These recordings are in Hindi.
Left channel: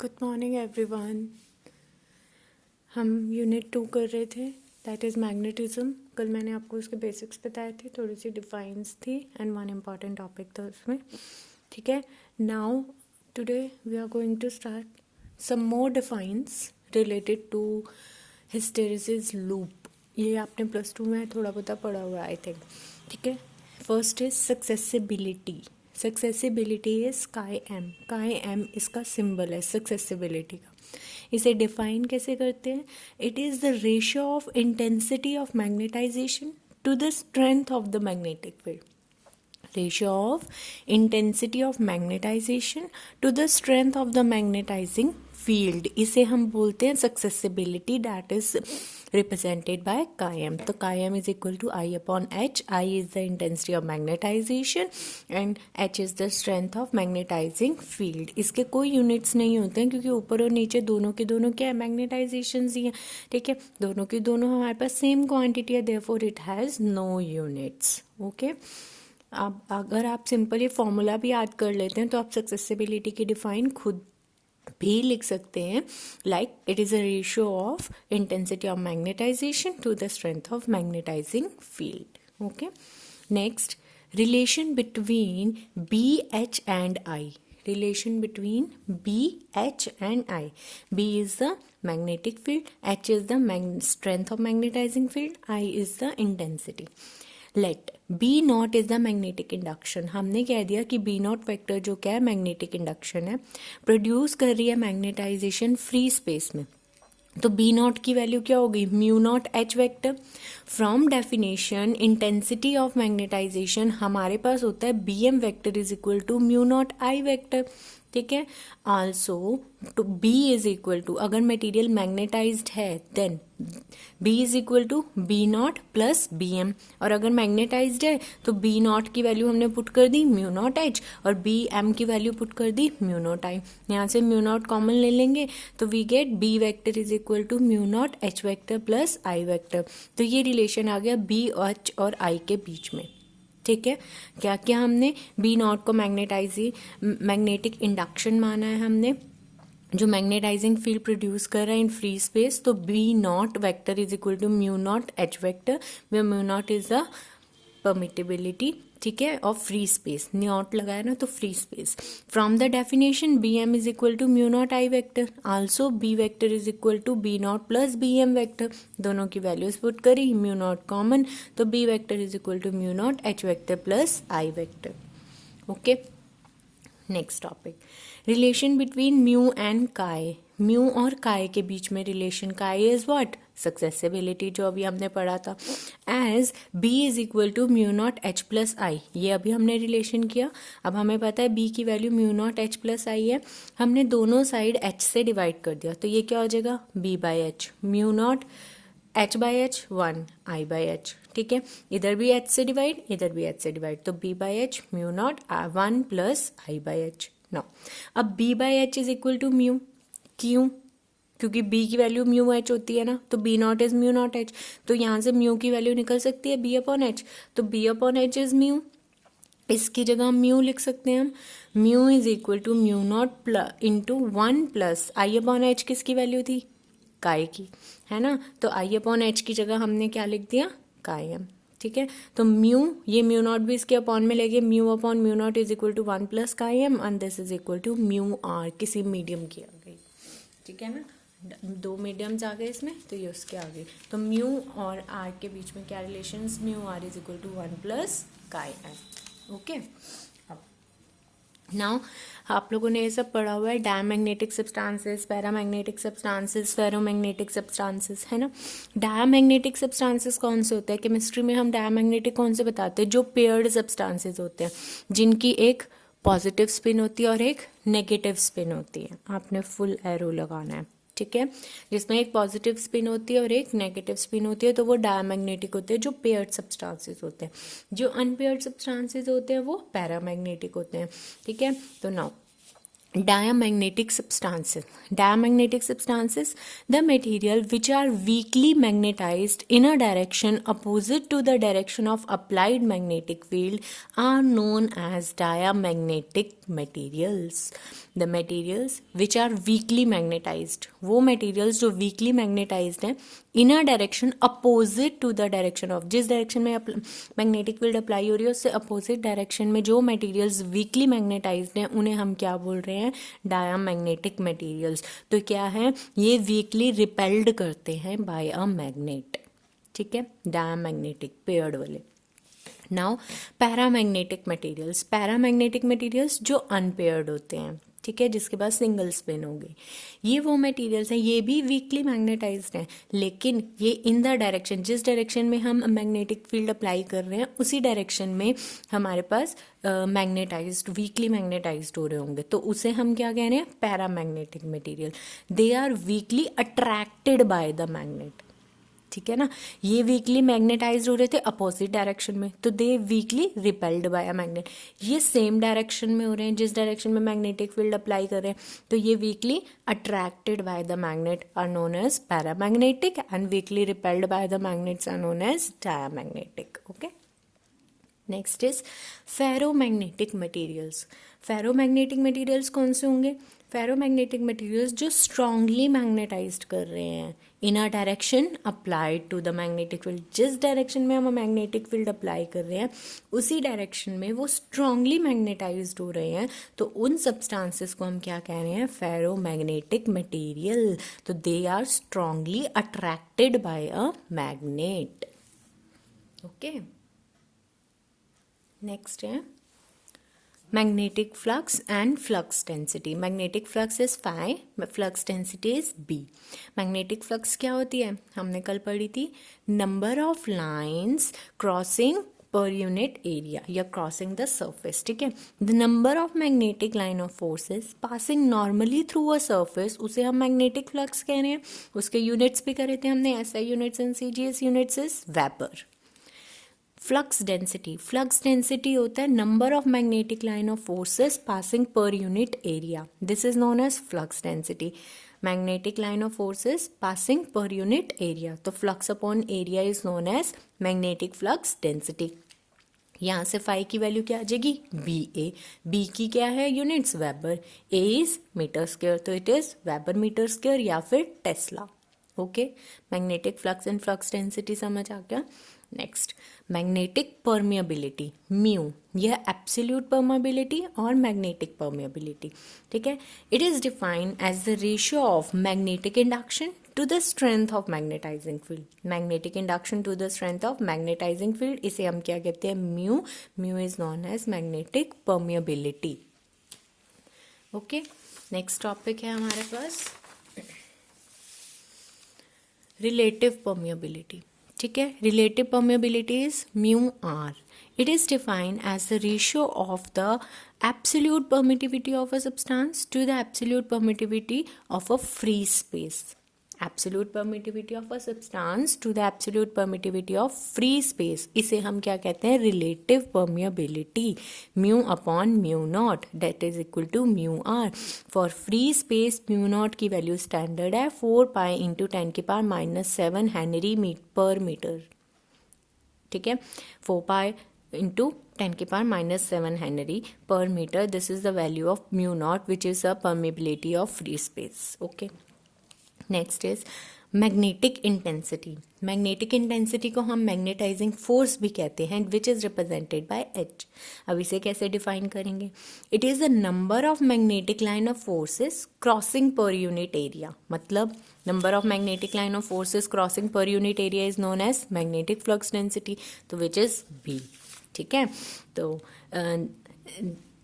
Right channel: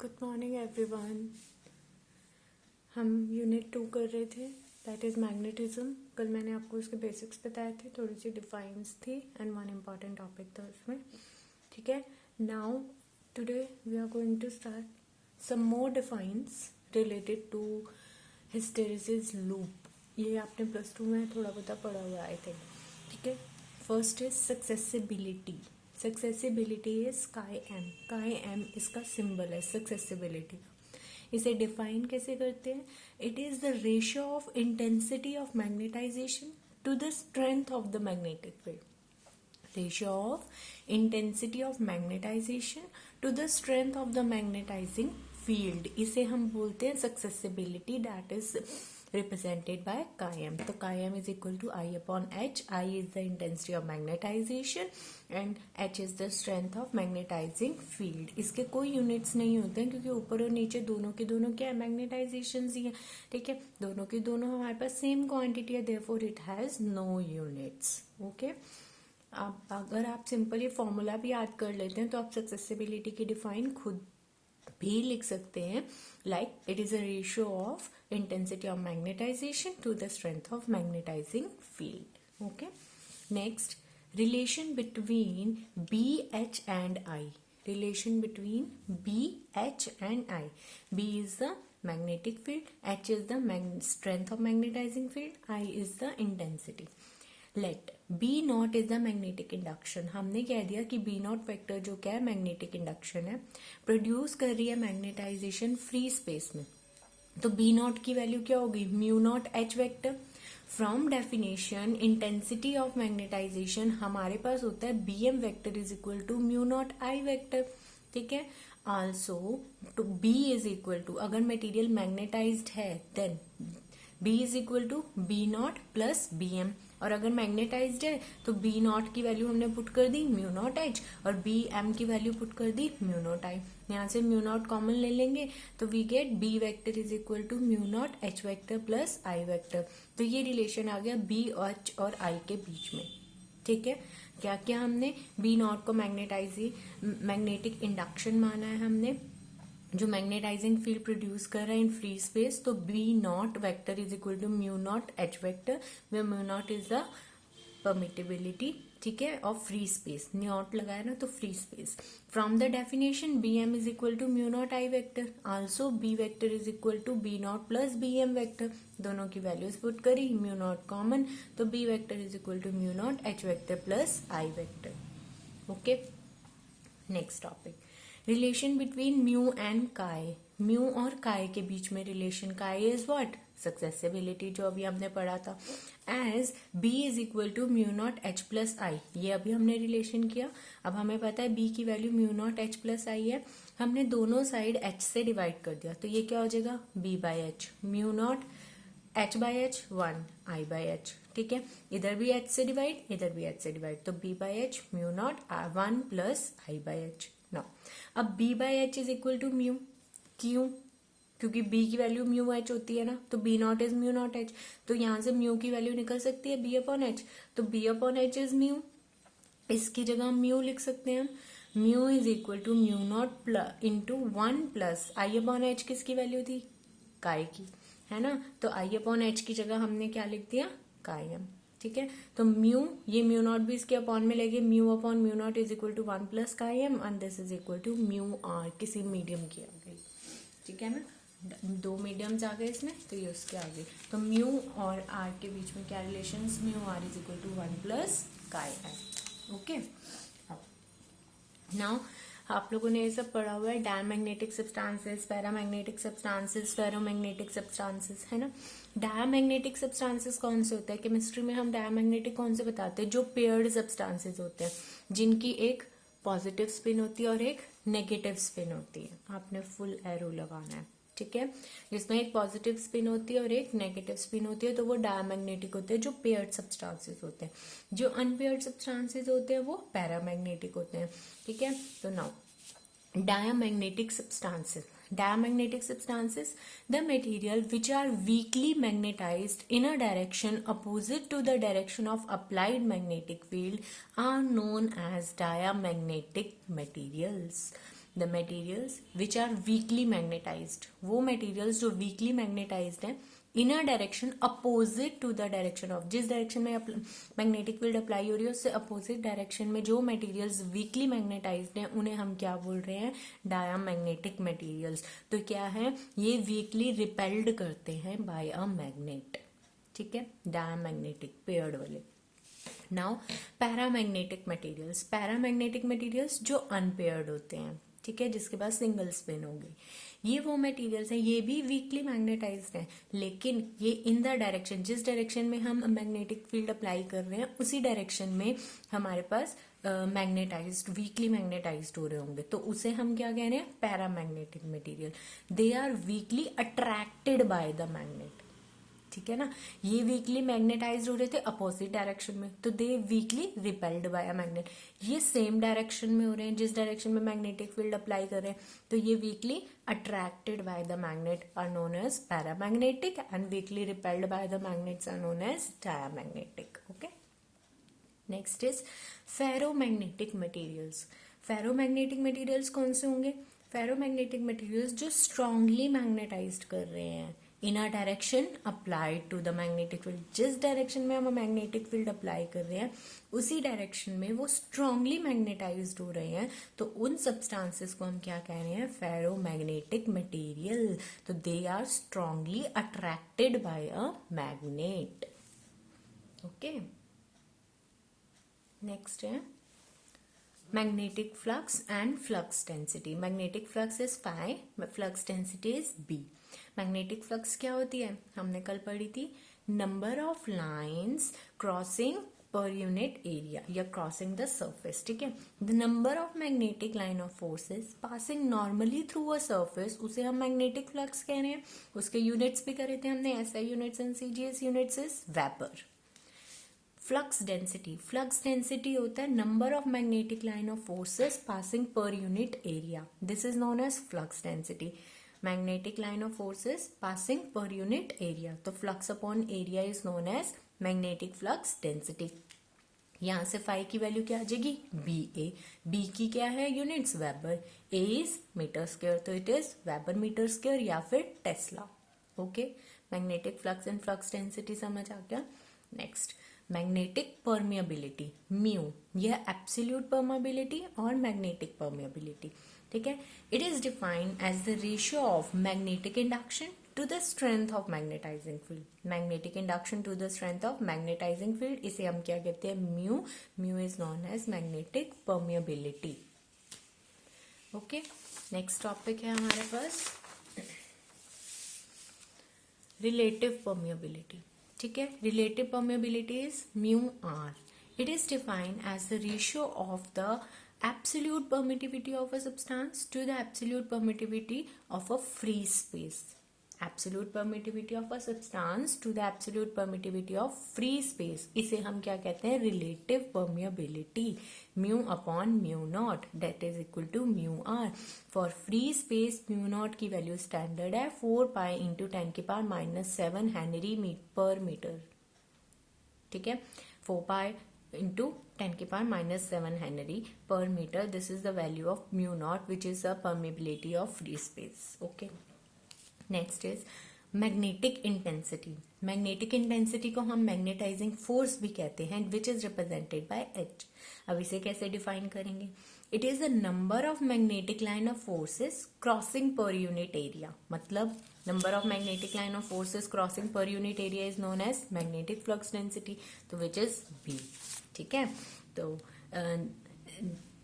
Good morning everyone. हम यूनिट 2 कर रहे थे, दैट इज़ मैग्नेटिज्म। कल मैंने आपको उसके बेसिक्स बताए थे, थोड़ी सी डिफाइंस थी एंड वन इम्पॉर्टेंट टॉपिक था उसमें। ठीक है, now today we are going to start some more defines related to hysteresis loop. ये आपने +2 में थोड़ा बहुत पढ़ा हुआ है आई थिंक। ठीक है, first is susceptibility. Susceptibility is chi M इसका सिंबल है सक्सेसिबिलिटी का। इसे डिफाइन कैसे करते हैं? It is the ratio of intensity of magnetization to the strength of the magnetic field. Ratio of intensity of magnetization to the strength of the magnetizing field, इसे हम बोलते हैं susceptibility, that is represented by chi-m. तो chi-m is equal to I upon H. I is the intensity of magnetization and H is the strength of magnetizing field. इसके कोई यूनिट्स नहीं होते हैं क्योंकि ऊपर और नीचे दोनों के दोनों क्या है, मैग्नेटाइजेशन ही है। ठीक है, दोनों की दोनों हमारे पास सेम क्वांटिटी है, therefore it has no units. Okay, अब अगर आप सिंपल ये फॉर्मूला भी याद कर लेते हैं तो आप सक्सेसिबिलिटी की डिफाइन खुद भी लिख सकते हैं, like it is a ratio of intensity of magnetization to the strength of magnetising field. Okay, next, relation between B H and I. Relation between B H and I. B is the magnetic field, H is the strength of magnetizing field, I is the intensity. Let B naught is the magnetic induction. हमने कह दिया कि बी नॉट वेक्टर जो क्या है, मैग्नेटिक इंडक्शन है, प्रोड्यूस कर रही है मैग्नेटाइजेशन फ्री स्पेस में। तो बी नॉट की वैल्यू क्या होगी, mu naught H vector. From definition intensity of magnetization हमारे पास होता है B M vector is equal to mu naught I vector. ठीक है, also to B is equal to, अगर मटेरियल मैग्नेटाइज्ड है then B is equal to B naught plus B M, और अगर मैग्नेटाइज्ड है तो बी नॉट की वैल्यू हमने पुट कर दी म्यू नॉट एच और बी एम की वैल्यू पुट कर दी म्यू नॉट आई। यहाँ से म्यू नॉट कॉमन ले लेंगे तो we get B vector is equal to mu naught H vector plus I vector. तो ये रिलेशन आ गया बी एच और आई के बीच में। ठीक है, क्या क्या हमने बी नॉट को मैग्नेटिक इंडक्शन माना है हमने, जो मैग्नेटाइजिंग फील्ड प्रोड्यूस कर रहा है इन फ्री स्पेस। तो B naught vector is equal to mu naught H vector, where mu naught is the permeability, ठीक है, ऑफ फ्री स्पेस। नॉट लगाया ना तो free space. From the definition B M is equal to mu naught I vector, also B vector is equal to B naught plus B M vector. दोनों की वैल्यूज पुट करी, म्यू नॉट कॉमन, तो B vector is equal to mu naught H vector plus I vector. Okay, next topic, relation between mu and chi. Mu और काय के बीच में रिलेशन, काय इज व्हाट, सक्सेसिबिलिटी, जो अभी हमने पढ़ा था। As B is equal to mu naught H plus I, ये अभी हमने रिलेशन किया। अब हमें पता है बी की value mu naught H plus I है, हमने दोनों साइड एच से डिवाइड कर दिया, तो ये क्या हो जाएगा, B by H, mu naught H by H 1 I by H. ठीक है, इधर भी एच से डिवाइड, इधर भी एच से डिवाइड, तो B by H mu naught 1 plus I by H. No, अब B by H is equal to mu, क्यों, क्योंकि बी की वैल्यू म्यू एच होती है ना, तो B naught is mu naught H, तो यहाँ से म्यू की वैल्यू निकल सकती है बी अपॉन एच, तो B upon H is mu, इसकी जगह हम म्यू लिख सकते हैं हम, mu is equal to mu naught into 1 plus I upon H, किसकी वैल्यू थी, काय की, है ना, तो आई अपॉन एच की जगह हमने क्या लिख दिया, काय एम। ठीक है, तो म्यू, ये म्यू नॉट भी इसके अपॉन में लेंगे, mu upon mu naught is equal to 1 plus chi M and this is equal to mu R, किसी मीडियम की आ गई। ठीक है ना, दो मीडियम्स आ गए इसमें, तो ये उसके आ गई। तो म्यू और आर के बीच में क्या रिलेशन, mu R is equal to 1 plus chi M. Okay, now आप लोगों ने ये सब पढ़ा हुआ है, diamagnetic substances, paramagnetic substances, ferromagnetic substances, है ना। डायमैग्नेटिक सब्सटेंसेस कौन से होते हैं, केमिस्ट्री में हम डायमैग्नेटिक कौन से बताते हैं, जो पेयर्ड सब्सटेंसेस होते हैं, जिनकी एक पॉजिटिव स्पिन होती है और एक नेगेटिव स्पिन होती है। आपने फुल एरो लगाना है, ठीक है, जिसमें एक पॉजिटिव स्पिन होती है और एक नेगेटिव स्पिन होती है, तो वो डायमैग्नेटिक होते हैं, जो पेयर्ड सब्सटेंसेस होते हैं। जो अनपेयर्ड सब्सटेंसेस होते हैं वो पैरामैग्नेटिक होते हैं। ठीक है, तो now diamagnetic substances. Diamagnetic substances, the material which are weakly magnetized in a direction opposite to the direction of applied magnetic field are known as diamagnetic materials. The materials which are weakly magnetized, वो materials जो weakly magnetized हैं in a direction opposite to the direction of, जिस direction में magnetic field apply हो रही है उससे opposite direction में जो materials weakly magnetized हैं उन्हें हम क्या बोल रहे हैं, diamagnetic materials. तो क्या है, ये weakly repelled करते हैं by a magnet. ठीक है, diamagnetic paired वाले. Now paramagnetic materials, paramagnetic materials जो अनपेयर्ड होते हैं, ठीक है, जिसके पास सिंगल स्पिन हो गई, ये वो मटेरियल्स हैं, ये भी वीकली मैग्नेटाइज्ड हैं, लेकिन ये इन द डायरेक्शन, जिस डायरेक्शन में हम मैग्नेटिक फील्ड अप्लाई कर रहे हैं उसी डायरेक्शन में हमारे पास मैग्नेटाइज्ड, वीकली मैग्नेटाइज्ड हो रहे होंगे, तो उसे हम क्या कह रहे हैं, paramagnetic material. They are weakly attracted by the magnet. ठीक है ना, ये वीकली मैग्नेटाइज्ड हो रहे थे अपोजिट डायरेक्शन में, तो they weakly repelled by a magnet. ये सेम डायरेक्शन में हो रहे हैं जिस डायरेक्शन में मैग्नेटिक फील्ड अप्लाई कर रहे हैं, तो ये weakly attracted by the magnet are known as paramagnetic and weakly repelled by the magnets are known as diamagnetic. Okay, next is ferromagnetic materials. Ferromagnetic materials कौन से होंगे, फेरोमैग्नेटिक मटेरियल्स जो स्ट्रांगली मैग्नेटाइज्ड कर रहे हैं in a direction applied to the magnetic field, जिस डायरेक्शन में हम मैग्नेटिक फील्ड अप्लाई कर रहे हैं उसी डायरेक्शन में वो स्ट्रांगली मैग्नेटाइज्ड हो रहे हैं, तो उन सब्सटेंसेस को हम क्या कह रहे हैं, फेरोमैग्नेटिक मटेरियल. तो they are strongly attracted by a magnet. Okay, next है magnetic flux and flux density. Magnetic flux is phi, flux density is b. Magnetic flux क्या होती है, हमने कल पढ़ी थी, number of lines crossing per unit area या crossing the surface. ठीक है, the number of magnetic line of forces passing normally through a surface, उसे हम magnetic flux कह रहे हैं. उसके units भी करे थे हमने, SI units and CGS units is Weber. Flux density, flux density होता है number of magnetic line of forces passing per unit area. This is known as flux density. Magnetic line of forces passing per unit area, तो flux upon area is known as magnetic flux density. यहाँ से फाई की वैल्यू क्या आ जाएगी, बी ए. बी की क्या है units, weber. A is metre square, तो it is weber metre square या फिर tesla. Okay, magnetic flux and flux density समझ आ गया. नेक्स्ट, मैग्नेटिक परमिएबिलिटी, म्यू, यह एब्सोल्यूट परमिएबिलिटी और मैग्नेटिक परमिएबिलिटी. ठीक है, it is defined as the ratio of magnetic induction to the strength of magnetising field. Magnetic induction to the strength of magnetising field, इसे हम क्या कहते हैं, mu. Mu is known as magnetic permeability. Okay, next topic है हमारे पास रिलेटिव परमिएबिलिटी. ठीक है, relative permeability is mu R. It is defined as the ratio of the absolute permittivity of a substance to the absolute permittivity of a free space. Absolute permittivity of a substance to the absolute permittivity of free space, इसे हम क्या कहते हैं, relative permeability. mu upon mu naught that is equal to mu r. For free space mu naught की वैल्यू स्टैंडर्ड है 4 pi into 10 की पावर -7 हेनरी पर मीटर. ठीक है, 4 pi into 10 की power -7 henry per metre. This is the value of mu naught which is the permeability of free space. Okay, next is magnetic intensity. Magnetic intensity को हम मैग्नेटाइजिंग फोर्स भी कहते हैं, which is represented by H. अब इसे कैसे डिफाइन करेंगे, it is the number of magnetic line of forces crossing per unit area. मतलब number of magnetic line of forces crossing per unit area is known as magnetic flux density, तो विच इज बी. ठीक है, तो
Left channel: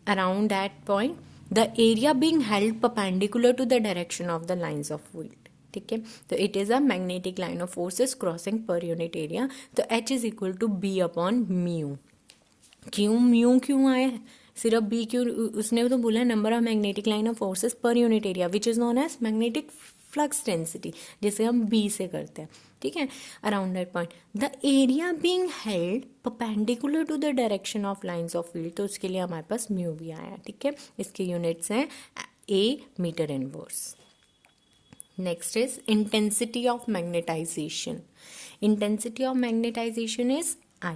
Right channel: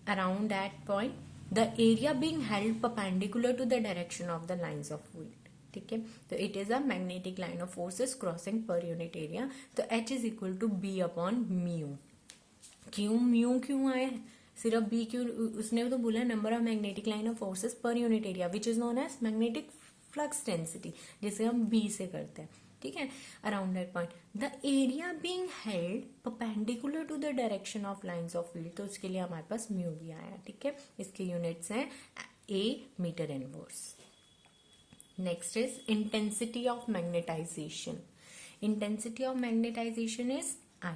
around that point the area being held perpendicular to the direction of the lines of field. ठीक है, तो it is a magnetic line of forces crossing per unit area. तो H is equal to B upon mu. क्यों म्यू क्यों आया है, सिर्फ बी क्यों, उसने तो बोला number of magnetic line of forces पर unit area which is known as magnetic flux density, जिसे हम बी से करते हैं. ठीक है, around that point the area being held perpendicular to the direction of lines of field, तो उसके लिए हमारे पास म्यू भी आया. ठीक है, इसके यूनिट्स हैं A meter inverse. Next is intensity of magnetization. Intensity of magnetization is I.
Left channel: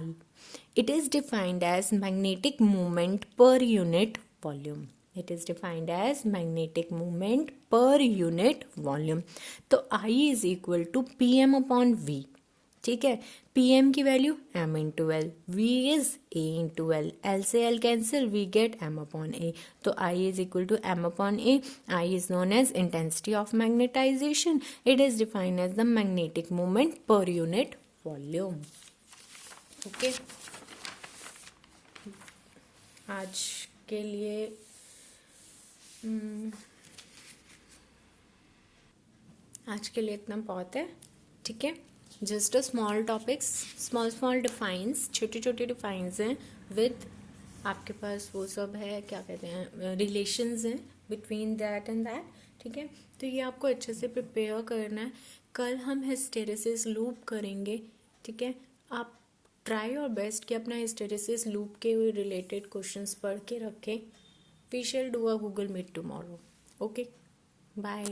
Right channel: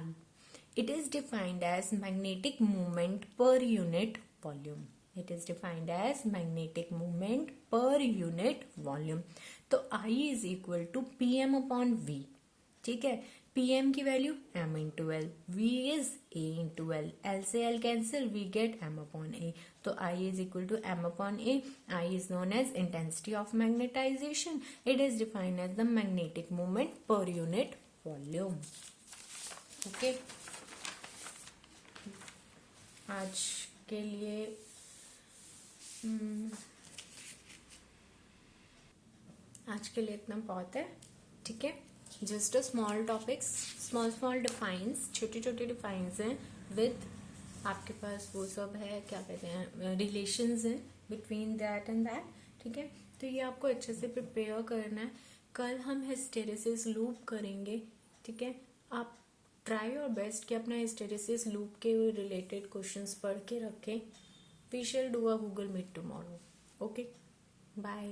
It is defined as magnetic moment per unit volume. It is defined as magnetic moment per unit volume. तो I is equal to Pm upon V. ठीक है, Pm की value m into L, V is A into L, L से L cancel, we get m upon A. तो I is equal to m upon A. I is known as intensity of magnetization. It is defined as the magnetic moment per unit volume. Okay. आज के लिए इतना बहुत है. ठीक है, just a small topics, small defines, छोटे डिफाइंस हैं विद आपके पास वो सब है, क्या कहते हैं, रिलेशंस हैं बिटवीन दैट एंड दैट. ठीक है, तो ये आपको अच्छे से प्रिपेयर करना है. कल हम हिस्टेरेसिस लूप करेंगे. ठीक है, आप ट्राई योर बेस्ट कि अपना हिस्टेरेसिस लूप के रिलेटेड क्वेश्चंस पढ़ के रखें. We shall do a Google Meet tomorrow. Okay, bye.